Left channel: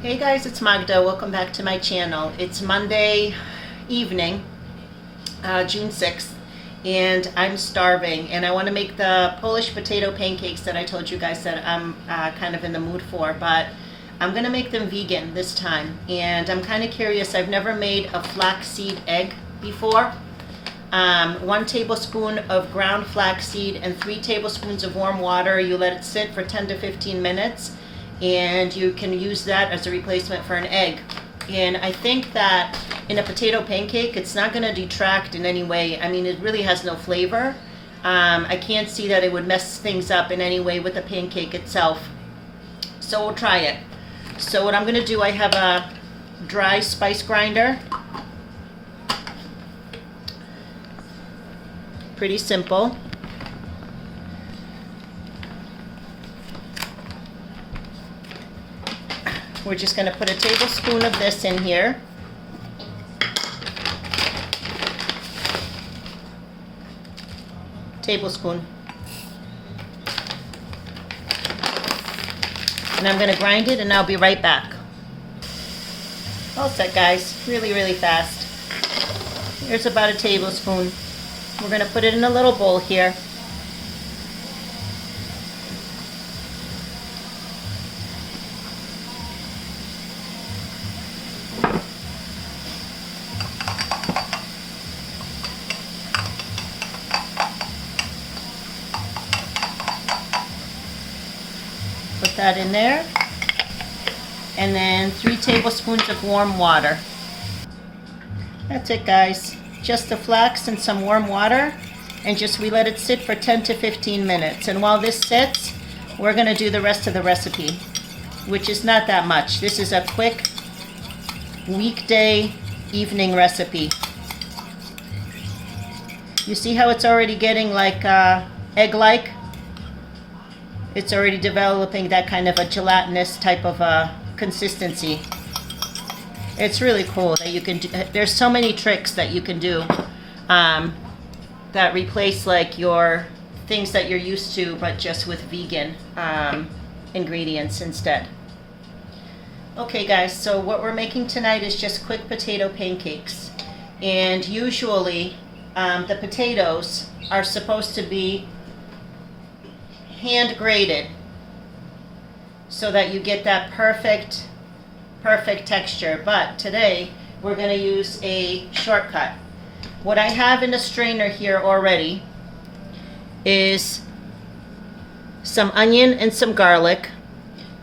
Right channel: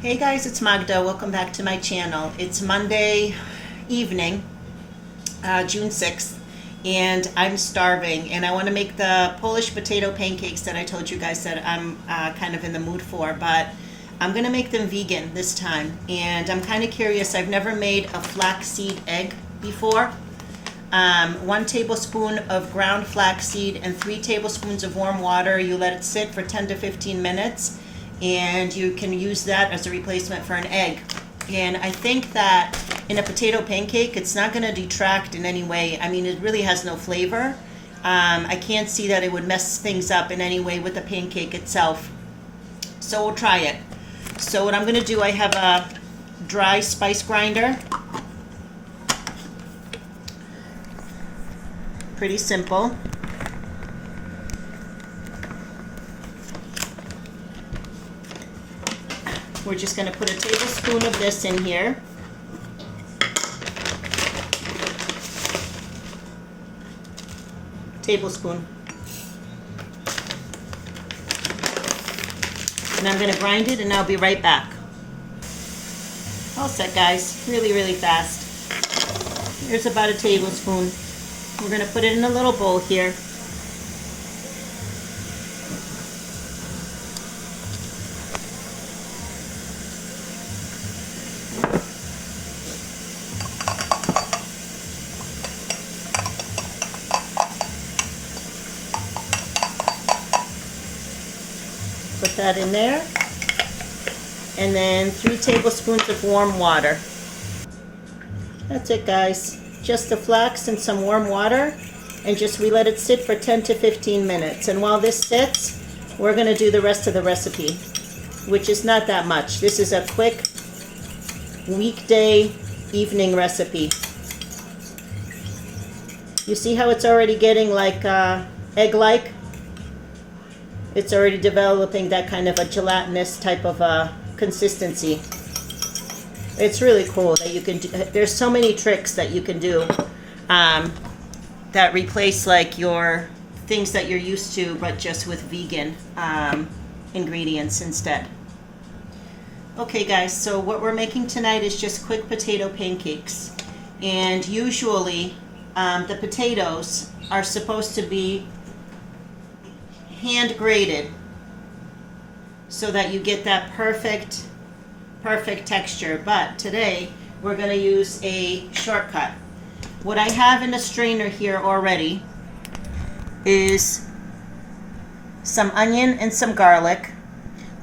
Hey guys, it's Magda. Welcome back to my channel. It's Monday evening, June 6th, and I'm starving and I want to make the Polish potato pancakes that I told you guys that I'm kind of in the mood for, but I'm going to make them vegan this time. And I'm kind of curious. I've never made a flaxseed egg before. 1 tablespoon of ground flaxseed and 3 tablespoons of warm water. You let it sit for 10 to 15 minutes. And you can use that as a replacement for an egg. And I think that in a potato pancake, it's not going to detract in any way. I mean, it really has no flavor. I can't see that it would mess things up in any way with the pancake itself. So we'll try it. So what I'm going to do, I have a dry spice grinder. Pretty simple. We're just going to put a tablespoon of this in here. Tablespoon. And I'm going to grind it and I'll be right back. All set, guys. Really, really fast. Here's about a tablespoon. We're going to put it in a little bowl here. Put that in there, and then 3 tablespoons of warm water. That's it, guys. Just the flax and some warm water, and we let it sit for 10 to 15 minutes. And while this sits, we're going to do the rest of the recipe, which is not that much. This is a quick weekday evening recipe. You see how it's already getting like egg-like? It's already developing that kind of a gelatinous type of consistency. It's really cool that you can do. There's so many tricks that you can do that replace like your things that you're used to, but just with vegan ingredients instead. Okay guys, so what we're making tonight is just quick potato pancakes. And usually the potatoes are supposed to be hand grated so that you get that perfect texture. But today we're going to use a shortcut. What I have in the strainer here already is some onion and some garlic.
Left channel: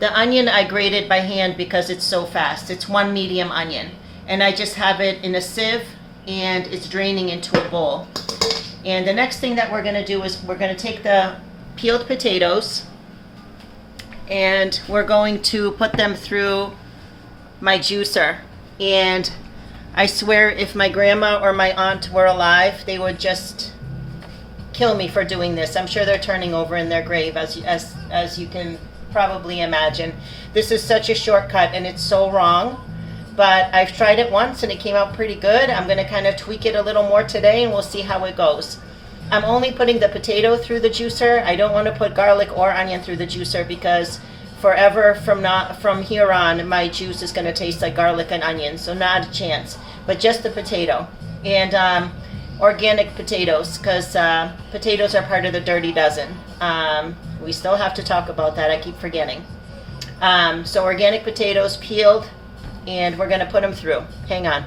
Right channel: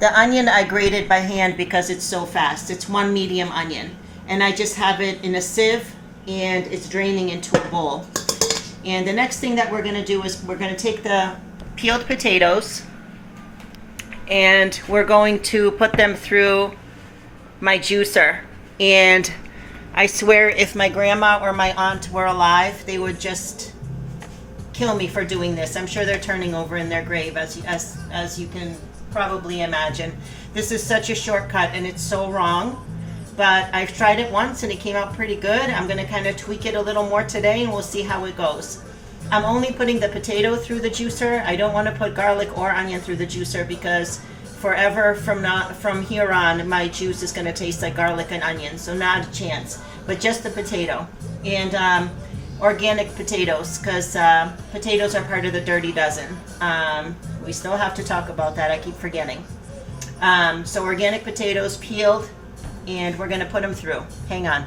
The onion I grated by hand because it's so fast. It's 1 medium onion, and I just have it in a sieve and it's draining into a bowl. And the next thing that we're going to do is we're going to take the peeled potatoes and we're going to put them through my juicer. And I swear if my grandma or my aunt were alive, they would just kill me for doing this. I'm sure they're turning over in their grave, as you can probably imagine. This is such a shortcut and it's so wrong, but I've tried it once and it came out pretty good. I'm going to kind of tweak it a little more today and we'll see how it goes. I'm only putting the potato through the juicer. I don't want to put garlic or onion through the juicer because forever from here on, my juice is going to taste like garlic and onion, so not a chance. But just the potato. And organic potatoes, because potatoes are part of the dirty dozen. We still have to talk about that. I keep forgetting. So organic potatoes peeled, and we're going to put them through. Hang on.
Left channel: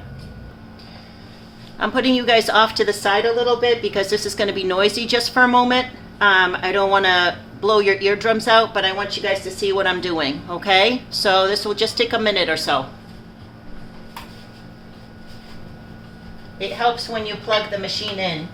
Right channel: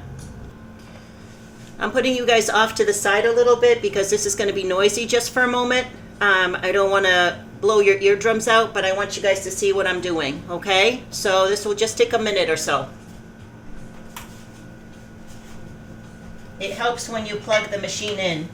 I'm putting you guys off to the side a little bit because this is going to be noisy just for a moment. I don't want to blow your eardrums out, but I want you guys to see what I'm doing, okay? So this will just take a minute or so. It helps when you plug the machine in.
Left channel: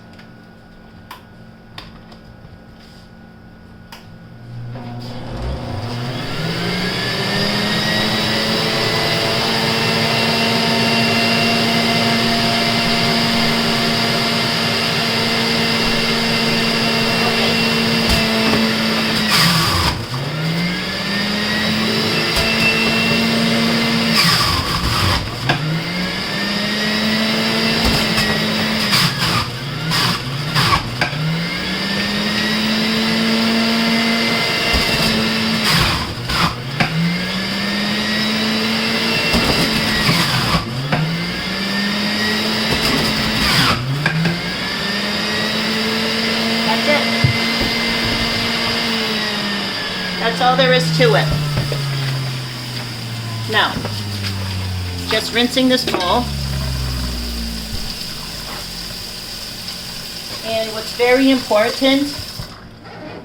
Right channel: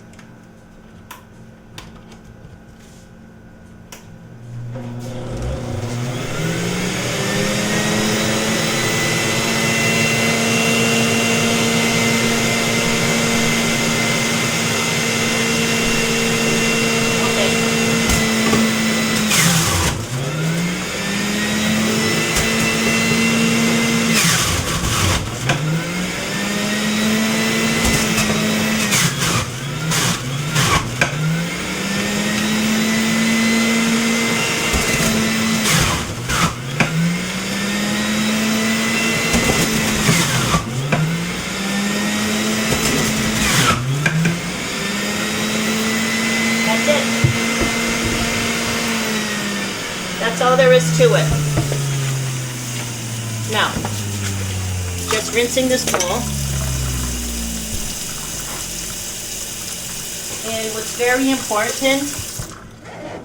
is to it. Now, just rinsing this bowl. And what's very important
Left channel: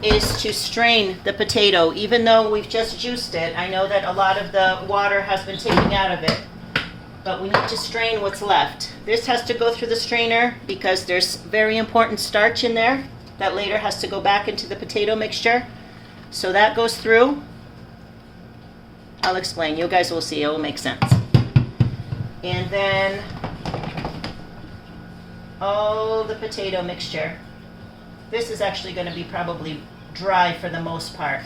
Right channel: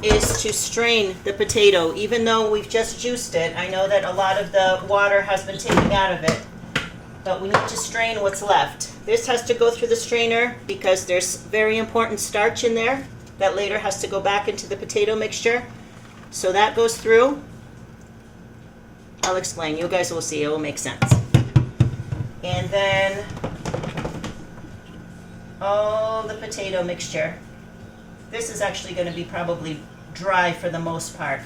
is to strain the potato. Even though we've just juiced it, I know that a lot of the water has been taken out of it, but we need to strain what's left. This has to go through the strainer because there's very important starch in there that later has to go back into the potato mixture. So that goes through. I'll explain. You guys will see. It will make sense. And then all the potato mixture. This is actually going to be probably dry for the most part.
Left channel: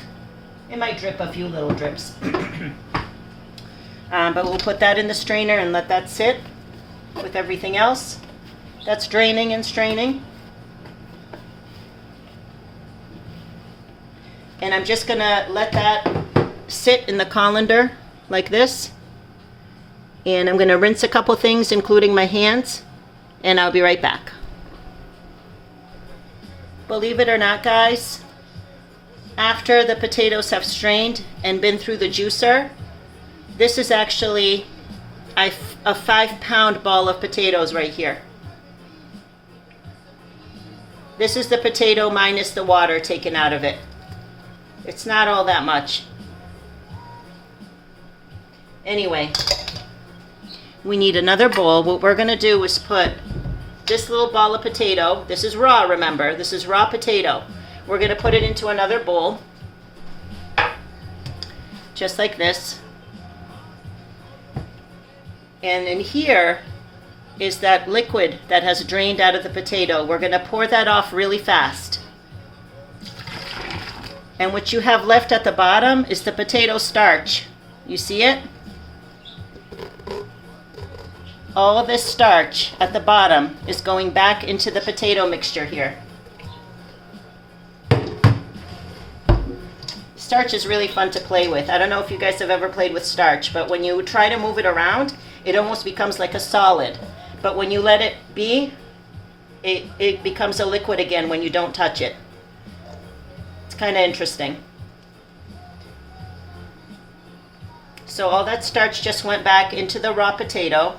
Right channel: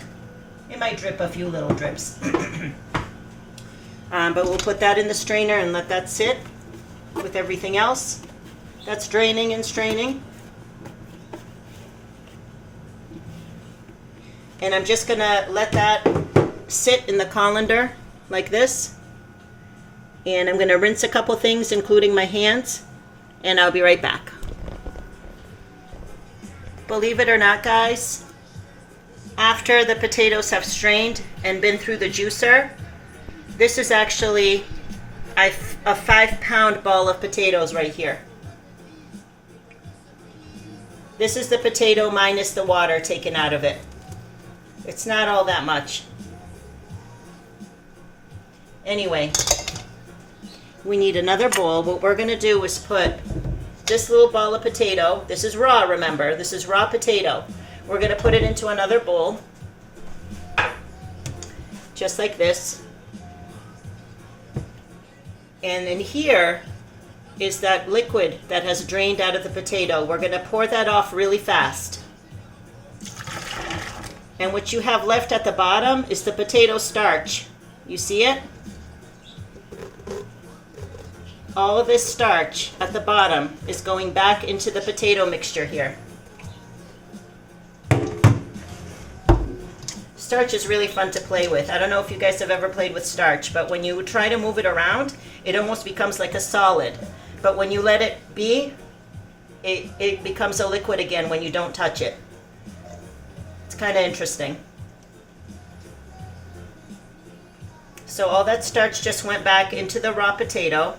It might drip a few little drips. But we'll put that in the strainer and let that sit with everything else. That's draining and straining. And I'm just going to let that sit in the colander like this. And I'm going to rinse a couple things, including my hands, and I'll be right back. Believe it or not, guys, after the potatoes have strained and been through the juicer, this is actually a 5-pound ball of potatoes right here. This is the potato minus the water taken out of it. It's not all that much. Anyway, we need another bowl. What we're going to do is put this little ball of potato. This is raw, remember. This is raw potato. We're going to put it into another bowl. Just like this. And in here is that liquid that has drained out of the potato. We're going to pour that off really fast. And what you have left at the bottom is the potato starch. You see it? All of this starch at the bottom is going back into the potato mixture here. Starch is really fun to play with. I don't know if you guys have ever played with starch, but when you try to move it around, it almost becomes like a solid. But when you let it be, it becomes a liquid again when you don't touch it. It's kind of interesting. So all that starch just went back into the raw potato.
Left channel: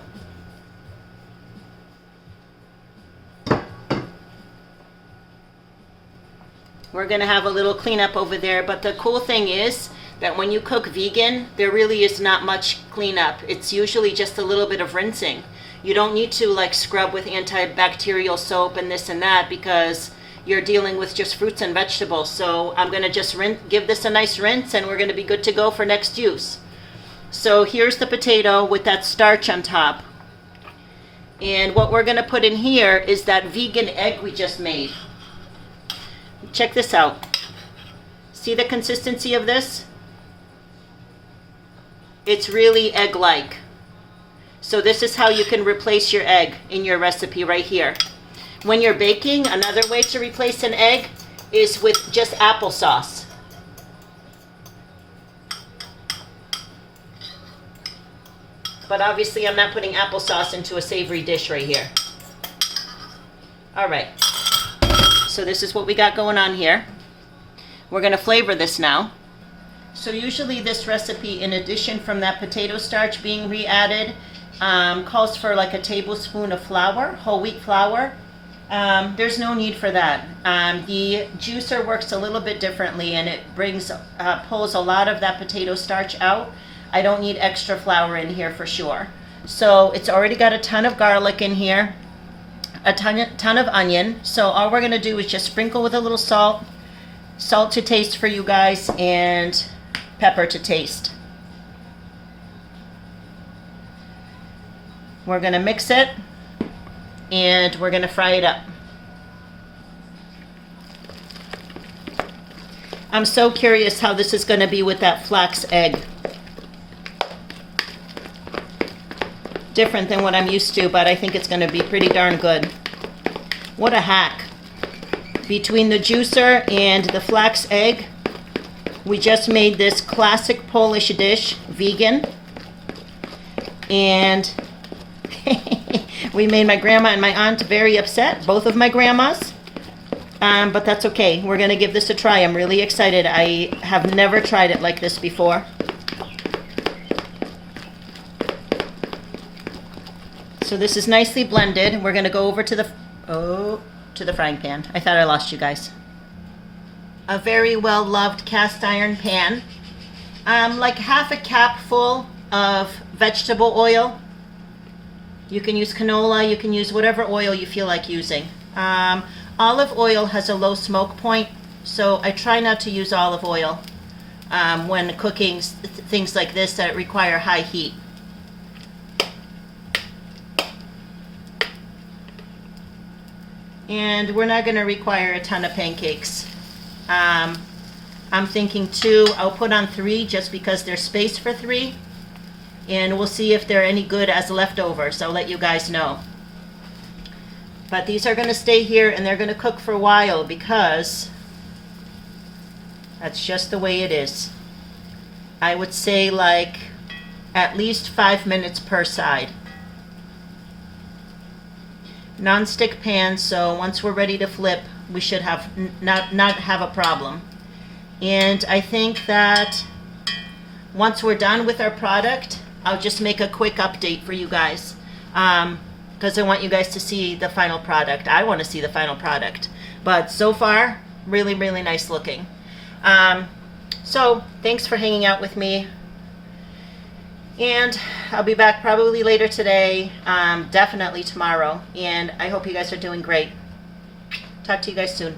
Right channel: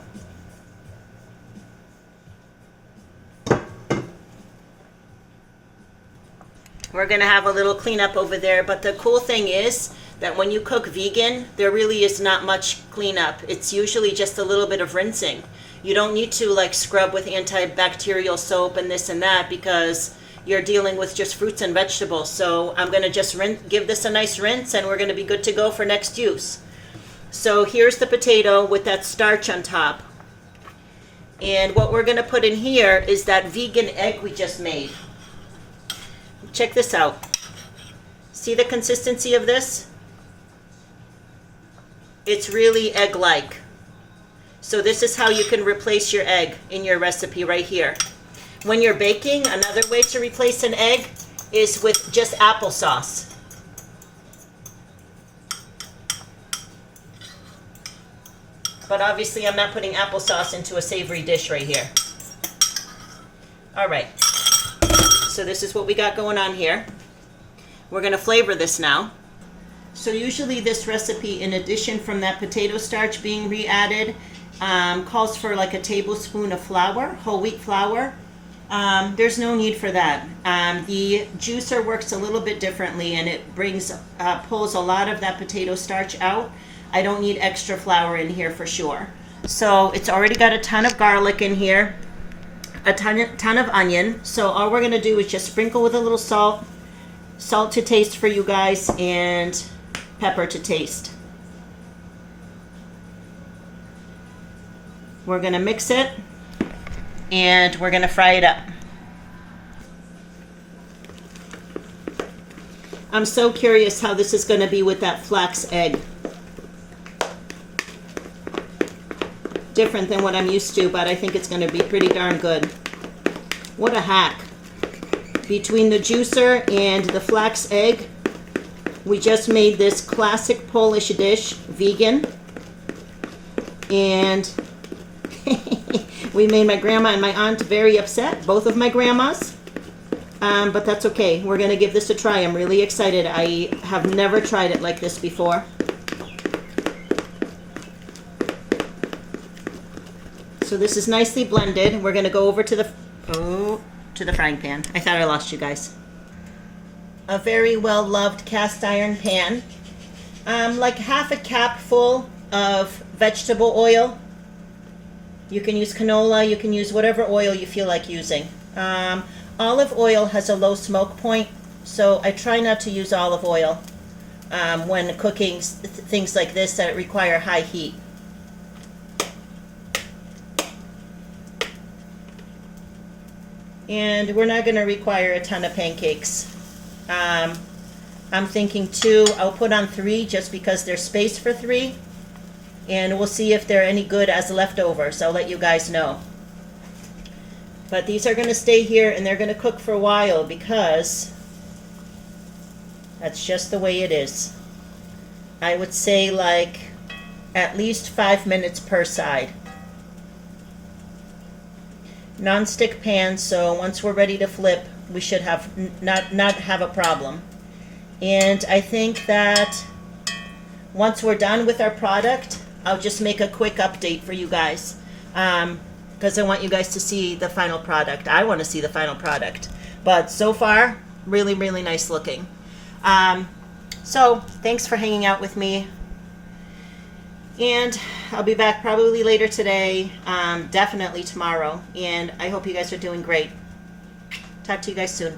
We're going to have a little cleanup over there, but the cool thing is that when you cook vegan, there really is not much cleanup. It's usually just a little bit of rinsing. You don't need to like scrub with antibacterial soap and this and that because you're dealing with just fruits and vegetables. So I'm going to just give this a nice rinse and we're going to be good to go for next use. So here's the potato with that starch on top. And what we're going to put in here is that vegan egg we just made. Check this out. See the consistency of this? It's really egg-like. So this is how you can replace your egg in your recipe right here. When you're baking, another way to replace an egg is with just applesauce. But obviously I'm not putting applesauce into a savory dish right here. All right. So this is what we got going on here. We're going to flavor this now. So usually this recipe, in addition from that potato starch being re-added, calls for like a tablespoon of flour, whole wheat flour. There's no need for that. The juicer works a little bit differently and it pulls a lot of that potato starch out. I don't need extra flour in here for sure. So it's already got a ton of garlic in here. A ton of onion. So all we're going to do is just sprinkle with a little salt to taste for you guys, and pepper to taste. We're going to mix it and we're going to fry it up. I'm so curious how this is going to be with that flax egg. Different than what I'm used to, but I think it's going to be pretty darn good. What a hack. Between the juicer and the flax egg, we just made this classic Polish dish, vegan. And we made my grandma and my aunt very upset, both of my grandmas. But that's okay. We're gonna give this a try. I'm really excited. I have never tried it like this before. So this is nicely blended. We're gonna go over to the frying pan. I thought I lost you guys. A very well loved cast iron pan. Like half a cap full of vegetable oil. You can use canola, you can use whatever oil you feel like using. Olive oil has a low smoke point, so I try not to use olive oil when cooking things like this that require high heat. And we're not going to require a ton of pancakes. I'm thinking 2. I'll put on 3 just because there's space for 3. And we'll see if they're any good as leftovers. I'll let you guys know. But these are going to stay here and they're going to cook for a while because that's just the way it is. I would say like at least 5 minutes per side. Non-stick pan, so once we're ready to flip, we should have not have a problem. And I think that once we're done with our product, I'll just make a quick update for you guys, because I want you guys to see the final product. I want to see the final product. But so far, really, really nice looking. So thanks for hanging out with me. And I'll be back probably later today, definitely tomorrow. And I hope you guys are doing great. Talk to you guys soon.